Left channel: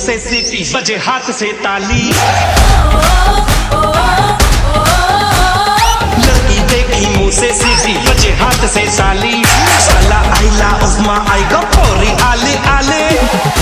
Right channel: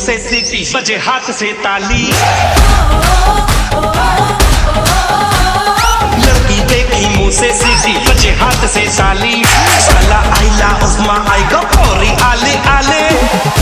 से सीटी बजे हाथ से ताली। लड़की देखी मुंह से सीटी बजे हाथ से ताली। साला आइला उस्मा आई गो कोरी आले आले।